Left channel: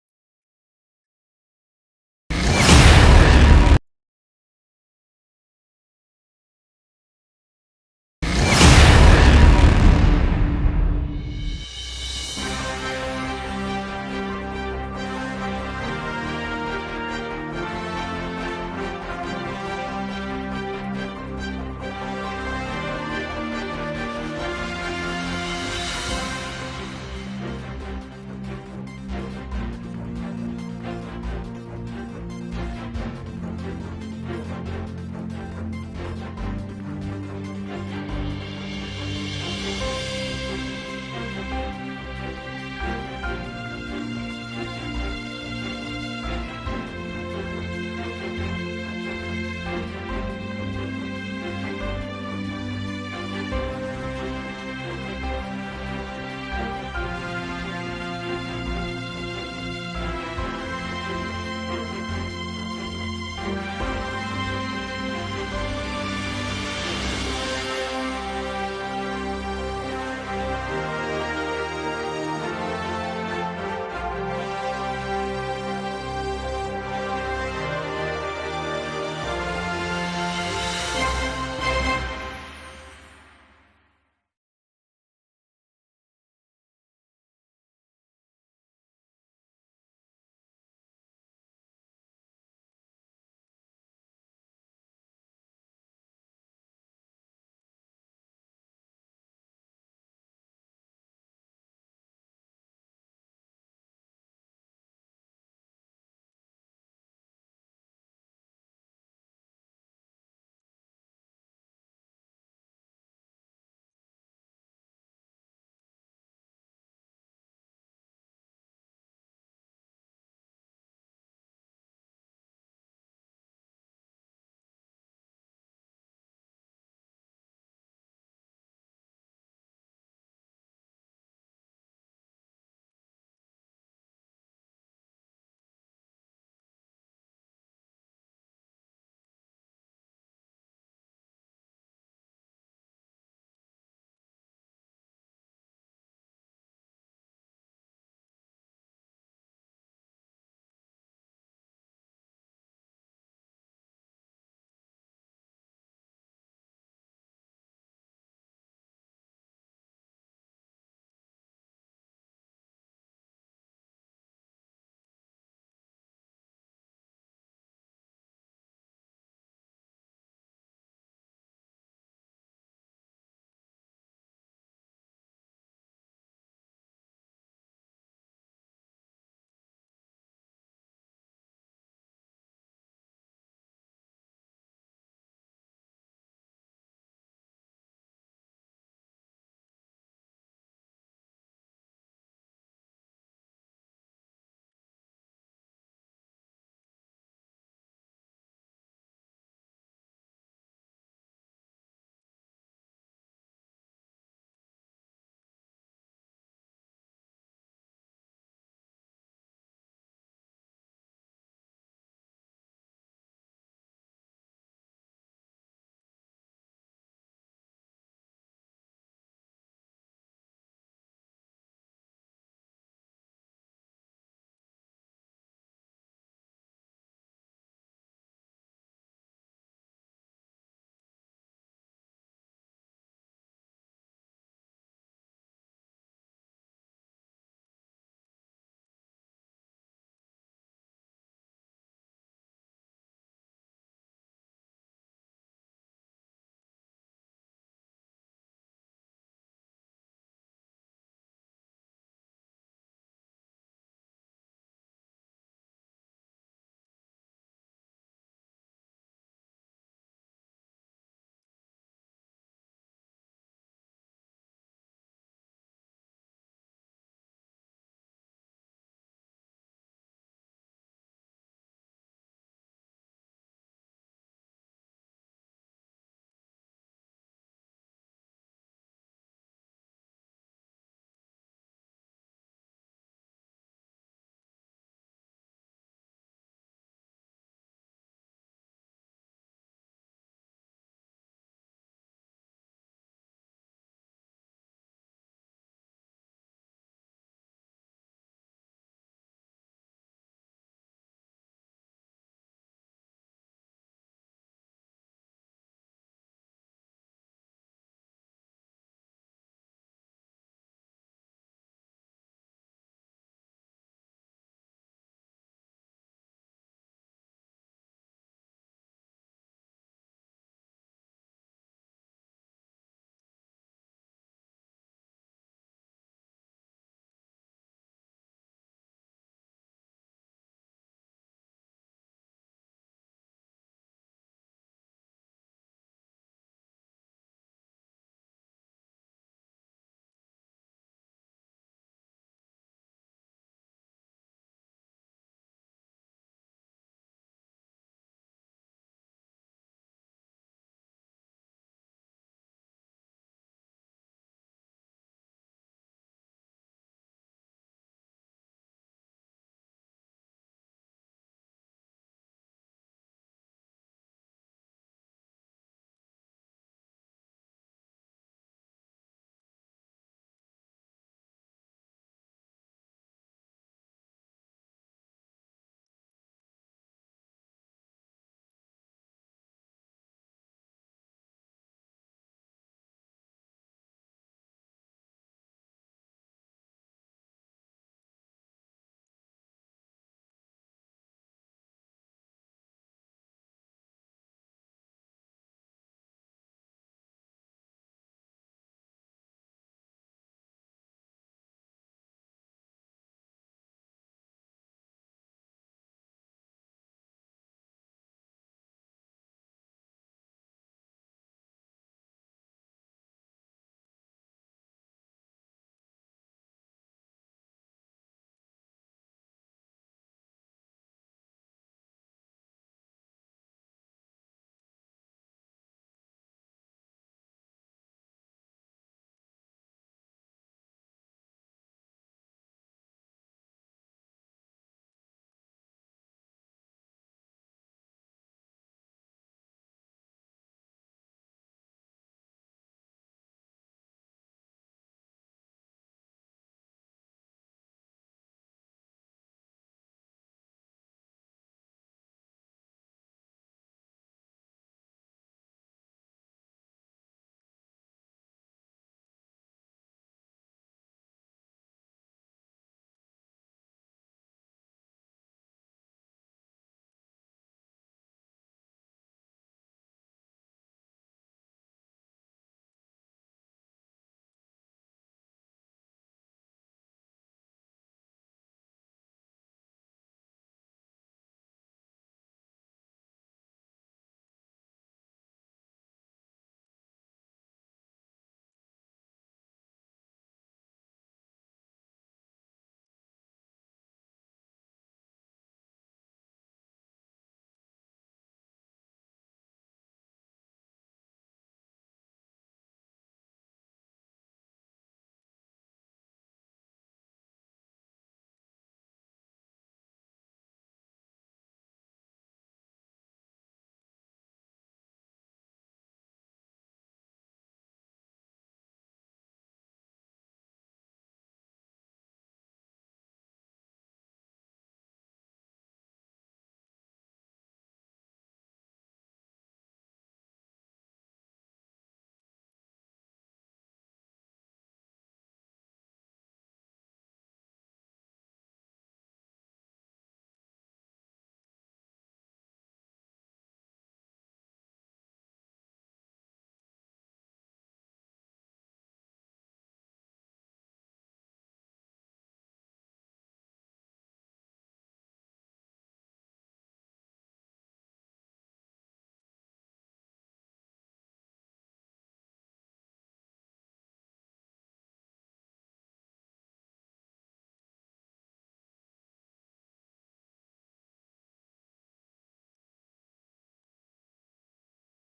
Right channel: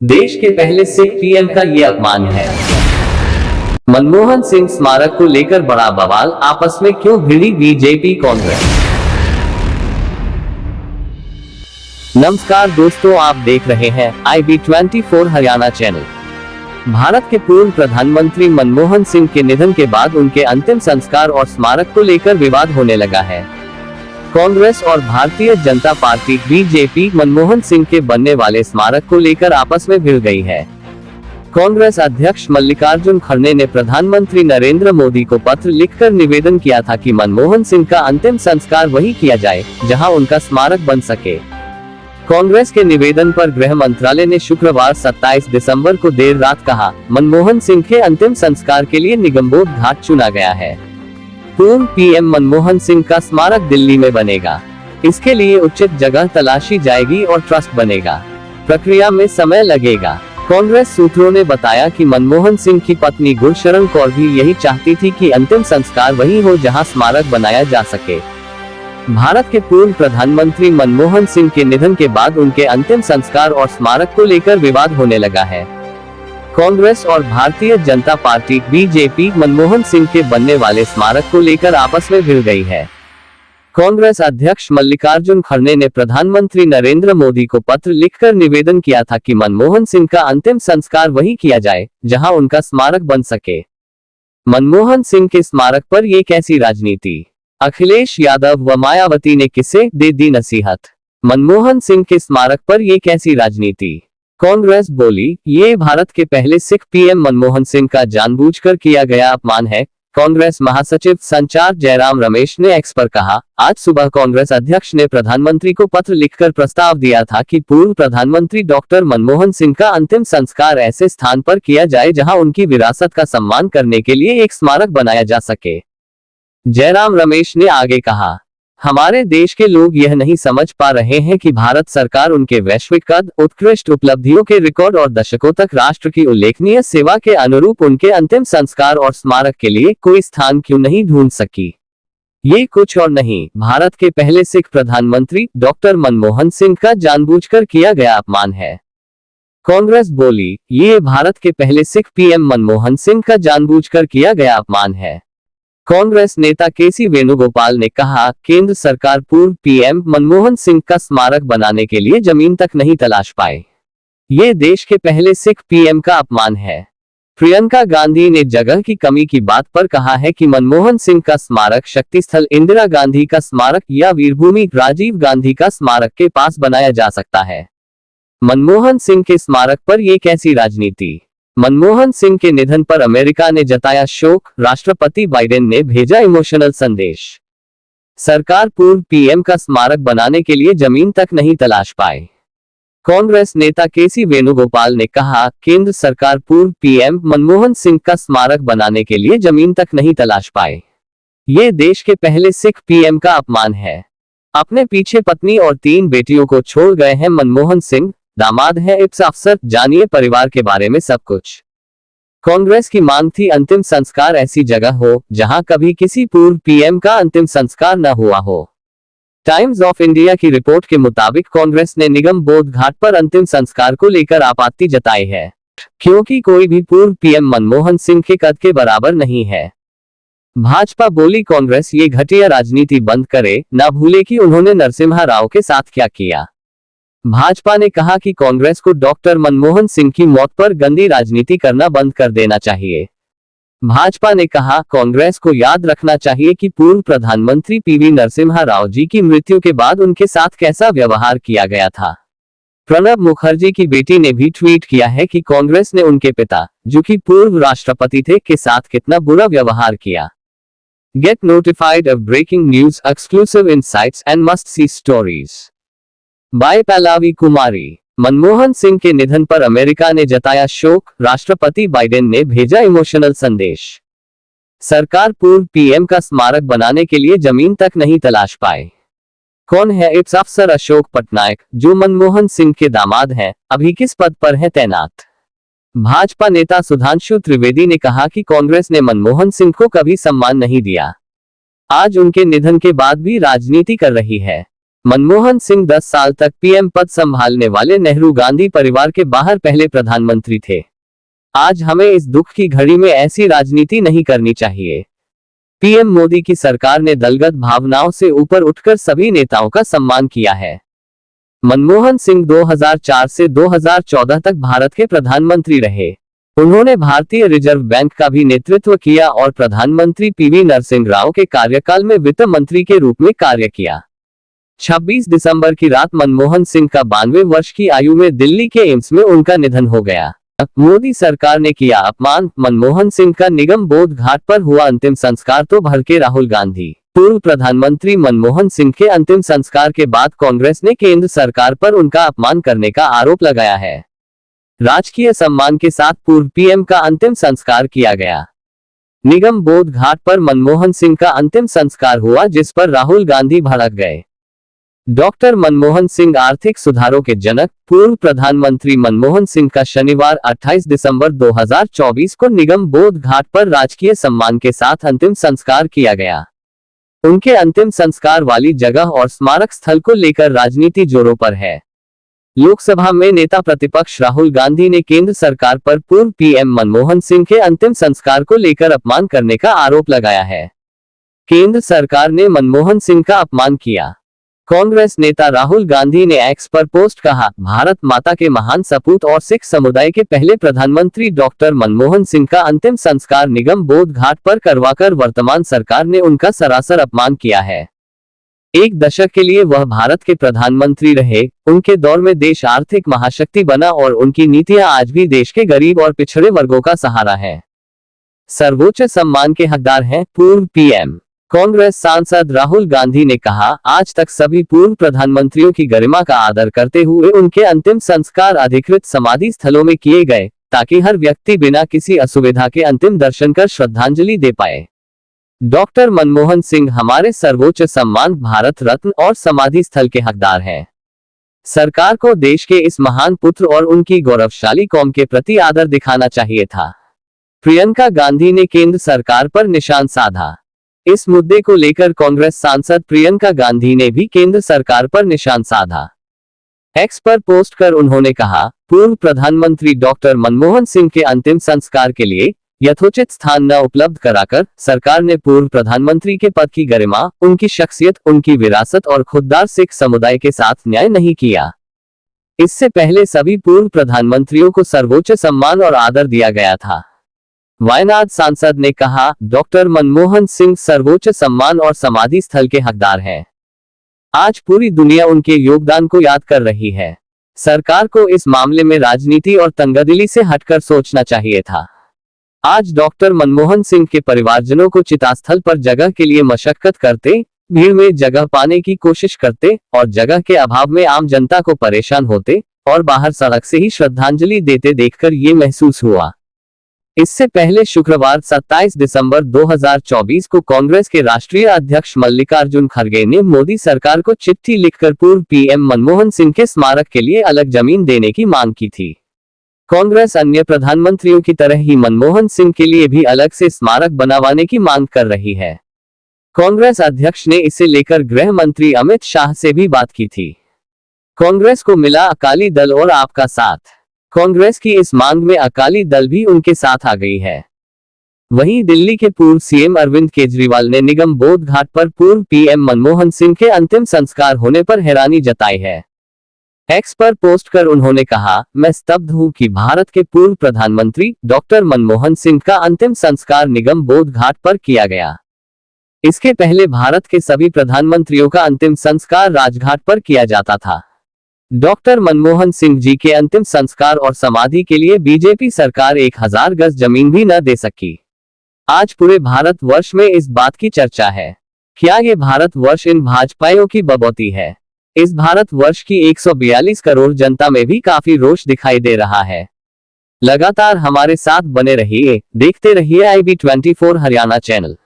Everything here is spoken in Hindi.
देश के पहले सिख पीएम का ये अपमान है। मनमोहन सिंह स्मारक को लेकर बड़ा बवाल, आपस में क्यों भिड़ी बीजेपी कांग्रेस। नमस्कार दोस्तों, आप देख रहे हैं IB24 हरियाणा चैनल। भारत के पूर्व प्रधानमंत्री मनमोहन सिंह के निधन के बाद उनके अंतिम संस्कार और स्मारक को लेकर विवाद होने लगा है। कांग्रेस और भारतीय जनता पार्टी बीजेपी मनमोहन सिंह के बनने वाले स्मारक को लेकर आपस में भिड़ गई है। कांग्रेस अध्यक्ष मल्लिकार्जुन खड़गे ने प्रधानमंत्री नरेंद्र मोदी को पत्र लिखकर निवेदन किया था कि मनमोहन सिंह का अंतिम संस्कार वहीं किया जाए जहां उनका स्मारक बन सके। कांग्रेस के निवेदन पर गृह मंत्रालय ने शुक्रवार 27 दिसंबर को देर रात कहा, मनमोहन सिंह के अंतिम संस्कार के लिए निगमबोध घाट चुना गया है। पूर्व पीएम मनमोहन सिंह का स्मारक दिल्ली में बनेगा। इसके लिए उचित जगह तलाशी जाएगी और ट्रस्ट बनेगा। प्रक्रिया में समय लगेगा। कांग्रेस सूत्रों ने बताया कि मनमोहन सिंह की पत्नी गुरशरण कौर भी यही चाहती थी कि अंतिम संस्कार वही हो जहां स्मारक बनाया जा सके। भारत के पूर्व प्रधानमंत्री मनमोहन सिंह के निधन के बाद उनके अंतिम संस्कार और स्मारक को लेकर विवाद होने लगा है। कांग्रेस और भारतीय जनता पार्टी बीजेपी मनमोहन सिंह के बनने वाले स्मारक को लेकर आपस में भिड़ गई है। कांग्रेस अध्यक्ष मल्लिकार्जुन खड़गे ने प्रधानमंत्री नरेंद्र मोदी को पत्र लिखकर निवेदन किया था कि मनमोहन सिंह का अंतिम संस्कार वहीं किया जाए जहां उनका स्मारक बन सके। मनमोहन सिंह के स्मारक पर ये कैसी राजनीति। अखिलेश यादव व मायावती ने किसे दे दी नसीहत। मनमोहन सिंह के स्मारक पर ये कैसी राजनीति। कांग्रेस बोली, ये भारत के पहले सिख पीएम मनमोहन सिंह का जानबूझकर किया गया अपमान है। कांग्रेस महासचिव संचार जयराम रमेश ने एक्स पर कहा, आज सुबह कांग्रेस अध्यक्ष ने प्रधानमंत्री को पत्र लिखकर प्रस्ताव दिया था कि पूर्व प्रधानमंत्री डॉक्टर मनमोहन सिंह का अंतिम संस्कार ऐसे स्थान पर किया जाए जहां उनकी विरासत का सम्मान करने के लिए एक स्मारक बनाया जा सके। जयराम रमेश ने आगे कहा, हमारे देश के लोग यह नहीं समझ पा रहे हैं कि भारत सरकार उनके वैश्विक कद, उत्कृष्ट उपलब्धियों के रिकॉर्ड और दशकों तक राष्ट्र की उल्लेखनीय सेवा के अनुरूप उनके अंतिम संस्कार और स्मारक के लिए कोई स्थान क्यों नहीं ढूंढ सकी। ये कुछ और नहीं, भारत के पहले सिख प्रधानमंत्री डॉक्टर मनमोहन सिंह का जानबूझकर किया गया अपमान है। कांग्रेस बोली, ये भारत के पहले सिख पीएम मनमोहन सिंह का जानबूझकर किया गया अपमान है। कांग्रेस नेता केसी वेणुगोपाल ने कहा, केंद्र सरकार पूर्व पीएम मनमोहन सिंह का स्मारक बनाने के लिए जमीन तक नहीं तलाश पाए। ये देश के पहले सिख पीएम का अपमान है। प्रियंका गांधी ने जगह की कमी की बात पर कहा है कि मनमोहन सिंह का स्मारक शक्ति स्थल इंदिरा गांधी का स्मारक या वीरभूमि राजीव गांधी का स्मारक के पास बनाया जा सकता है। मनमोहन सिंह के स्मारक पर यह कैसी राजनीति। मनमोहन सिंह के निधन पर अमेरिका ने जताया शोक, राष्ट्रपति बाइडेन ने भेजा इमोशनल संदेश। सरकार पूर्व पीएम का स्मारक बनाने के लिए जमीन तक नहीं तलाश पाए। कांग्रेस नेता केसी वेणुगोपाल ने कहा, केंद्र सरकार पूर्व पीएम मनमोहन सिंह का स्मारक बनाने के लिए जमीन तक नहीं तलाश पाए। ये देश के पहले सिख पीएम का अपमान है। अपने पीछे पत्नी और 3 बेटियों को छोड़ गए हैं मनमोहन सिंह, दामाद है IPS अफसर, जानिए परिवार के बारे में सब कुछ। कांग्रेस की मांग थी अंतिम संस्कार ऐसी जगह हो जहां कभी किसी पूर्व पीएम का अंतिम संस्कार न हुआ हो। टाइम्स ऑफ इंडिया की रिपोर्ट के मुताबिक कांग्रेस ने निगमबोध घाट पर अंतिम संस्कार को लेकर आपत्ति जताई है, क्योंकि कोई भी पूर्व पीएम मनमोहन सिंह के कद के बराबर नहीं है। भाजपा बोली, कांग्रेस ये घटिया राजनीति बंद करे, न भूले कि उन्होंने नरसिम्हा राव के साथ क्या किया। भाजपा ने कहा कि कांग्रेस को डॉक्टर मनमोहन सिंह की मौत पर गंदी राजनीति करना बंद कर देना चाहिए। भाजपा ने कहा, कांग्रेस को याद रखना चाहिए कि पूर्व प्रधानमंत्री PV नरसिम्हा राव जी की मृत्यु के बाद उनके साथ कैसा व्यवहार किया गया था। प्रणब मुखर्जी की बेटी ने भी ट्वीट किया है कि कांग्रेस ने उनके पिता, जो कि पूर्व राष्ट्रपति थे, के साथ कितना बुरा व्यवहार किया। Get notified of breaking news, exclusive insights and must see stories by Pallavi Kumari. Manmohan Singh के निधन पर अमेरिका ने जताया शोक, राष्ट्रपति बाइडेन ने भेजा इमोशनल संदेश। सरकार पूर्व पीएम का स्मारक बनाने के लिए जमीन तक नहीं तलाश पाए। कौन है IPS अफसर अशोक पटनायक, जो मनमोहन सिंह के दामाद हैं, अभी किस पद पर है तैनात। भाजपा नेता सुधांशु त्रिवेदी ने कहा कि कांग्रेस ने मनमोहन सिंह को कभी सम्मान नहीं दिया। आज उनके निधन के बाद भी राजनीति कर रही है। मनमोहन सिंह 10 साल तक पीएम पद संभालने वाले नेहरू गांधी परिवार के बाहर पहले प्रधानमंत्री थे। आज हमें इस दुख की घड़ी में ऐसी राजनीति नहीं करनी चाहिए। पीएम मोदी की सरकार ने दलगत भावनाओं से ऊपर उठकर सभी नेताओं का सम्मान किया है। मनमोहन सिंह 2004 से 2014 तक भारत के प्रधानमंत्री रहे। उन्होंने भारतीय रिजर्व बैंक का भी नेतृत्व किया और प्रधानमंत्री पीवी नरसिंह राव के कार्यकाल में वित्त मंत्री के रूप में कार्य किया। 26 दिसंबर की रात मनमोहन सिंह का 92 वर्ष की आयु में दिल्ली के एम्स में उनका निधन हो गया। मोदी सरकार ने किया अपमान, मनमोहन सिंह का निगम बोध घाट पर हुआ अंतिम संस्कार तो भड़के राहुल गांधी। पूर्व प्रधानमंत्री मनमोहन सिंह के अंतिम संस्कार के बाद कांग्रेस ने केंद्र सरकार पर उनका अपमान करने का आरोप लगाया है। राजकीय सम्मान के साथ पूर्व पीएम का अंतिम संस्कार किया गया। निगम बोध घाट पर मनमोहन सिंह का अंतिम संस्कार हुआ, जिस पर राहुल गांधी भड़क गए। डॉक्टर मनमोहन सिंह आर्थिक सुधारों के जनक। पूर्व प्रधानमंत्री मनमोहन सिंह का शनिवार 28 दिसंबर 2024 को निगम बोध घाट पर राजकीय सम्मान के साथ अंतिम संस्कार किया गया। उनके अंतिम संस्कार वाली जगह और स्मारक स्थल को लेकर राजनीति जोरों पर है। लोकसभा में नेता प्रतिपक्ष राहुल गांधी ने केंद्र सरकार पर पूर्व पीएम मनमोहन सिंह के अंतिम संस्कार को लेकर अपमान करने का आरोप लगाया है। केंद्र सरकार ने मनमोहन सिंह का अपमान किया। कांग्रेस नेता राहुल गांधी ने एक्स पर पोस्ट कहा, भारत माता के महान सपूत और सिख समुदाय के पहले प्रधानमंत्री डॉक्टर मनमोहन सिंह का अंतिम संस्कार निगम बोध घाट पर करवाकर वर्तमान सरकार ने उनका सरासर अपमान किया है। एक दशक के लिए वह भारत के प्रधानमंत्री रहे। उनके दौर में देश आर्थिक महाशक्ति बना और उनकी नीतियां आज भी देश के गरीब और पिछड़े वर्गों का सहारा है। सर्वोच्च सम्मान के हकदार हैं पूर्व पीएम। कांग्रेस सांसद राहुल गांधी ने कहा, आज तक सभी पूर्व प्रधानमंत्रियों की गरिमा का आदर करते हुए उनके अंतिम संस्कार अधिकृत समाधि स्थलों में किए गए, ताकि हर व्यक्ति बिना किसी असुविधा के अंतिम दर्शन कर श्रद्धांजलि दे पाए। डॉक्टर मनमोहन सिंह हमारे सर्वोच्च सम्मान भारत रत्न और समाधि स्थल के हकदार हैं। सरकार को देश के इस महान पुत्र और उनकी गौरवशाली कौम के प्रति आदर दिखाना चाहिए था। प्रियंका गांधी ने केंद्र सरकार पर निशान साधा। इस मुद्दे को लेकर कांग्रेस सांसद प्रियंका गांधी ने भी केंद्र सरकार पर निशान साधा। एक्स पर पोस्ट कर उन्होंने कहा, पूर्व प्रधानमंत्री डॉक्टर मनमोहन सिंह के अंतिम संस्कार के लिए यथोचित स्थान न उपलब्ध कराकर सरकार ने पूर्व प्रधानमंत्री के पद की गरिमा, उनकी शख्सियत, उनकी विरासत और खुददार सिख समुदाय के साथ न्याय नहीं किया। इससे पहले सभी पूर्व प्रधानमंत्रियों को सर्वोच्च सम्मान और आदर दिया गया था। वायनाड सांसद ने कहा, डॉक्टर मनमोहन सिंह सर्वोच्च सम्मान और समाधि स्थल के हकदार हैं। आज पूरी दुनिया उनके योगदान को याद कर रही है। सरकार को इस मामले में राजनीति और तंगदिली से हटकर सोचना चाहिए था। आज डॉक्टर मनमोहन सिंह के परिवारजनों को चितास्थल पर जगह के लिए मशक्कत करते, भीड़ में जगह पाने की कोशिश करते और जगह के अभाव में आम जनता को परेशान होते और बाहर सड़क से ही श्रद्धांजलि देते देखकर ये महसूस हुआ। इससे पहले शुक्रवार 27 दिसंबर 2024 को कांग्रेस के राष्ट्रीय अध्यक्ष मल्लिकार्जुन खड़गे ने मोदी सरकार को चिट्ठी लिखकर पूर्व पीएम मनमोहन सिंह के स्मारक के लिए अलग जमीन देने की मांग की थी। कांग्रेस अन्य प्रधानमंत्रियों की तरह ही मनमोहन सिंह के लिए भी अलग से स्मारक बनवाने की मांग कर रही है। कांग्रेस अध्यक्ष ने इसे लेकर गृह मंत्री अमित शाह से भी बात की थी। कांग्रेस को मिला अकाली दल और आपका साथ। कांग्रेस की इस मांग में अकाली दल भी उनके साथ आ गई है। वहीं दिल्ली के पूर्व सीएम अरविंद केजरीवाल ने निगम बोध घाट पर पूर्व पीएम मनमोहन सिंह के अंतिम संस्कार होने पर हैरानी जताई है। एक्स पर पोस्ट कर उन्होंने कहा, मैं स्तब्ध हूं कि भारत के पूर्व प्रधानमंत्री डॉक्टर मनमोहन सिंह का अंतिम संस्कार निगम बोध घाट पर किया गया। इसके पहले भारत के सभी प्रधानमंत्रियों का अंतिम संस्कार राजघाट पर किया जाता था। डॉक्टर मनमोहन सिंह जी के अंतिम संस्कार और समाधि के लिए बीजेपी सरकार 1000 गज जमीन भी न दे सकी। आज पूरे भारत वर्ष में इस बात की चर्चा है। क्या ये भारत वर्ष इन भाजपाइयों की बबौती है? इस भारत वर्ष की 142 करोड़ जनता में भी काफी रोष दिखाई दे रहा है। लगातार हमारे साथ बने रहिए, देखते रहिए IB24 हरियाणा चैनल।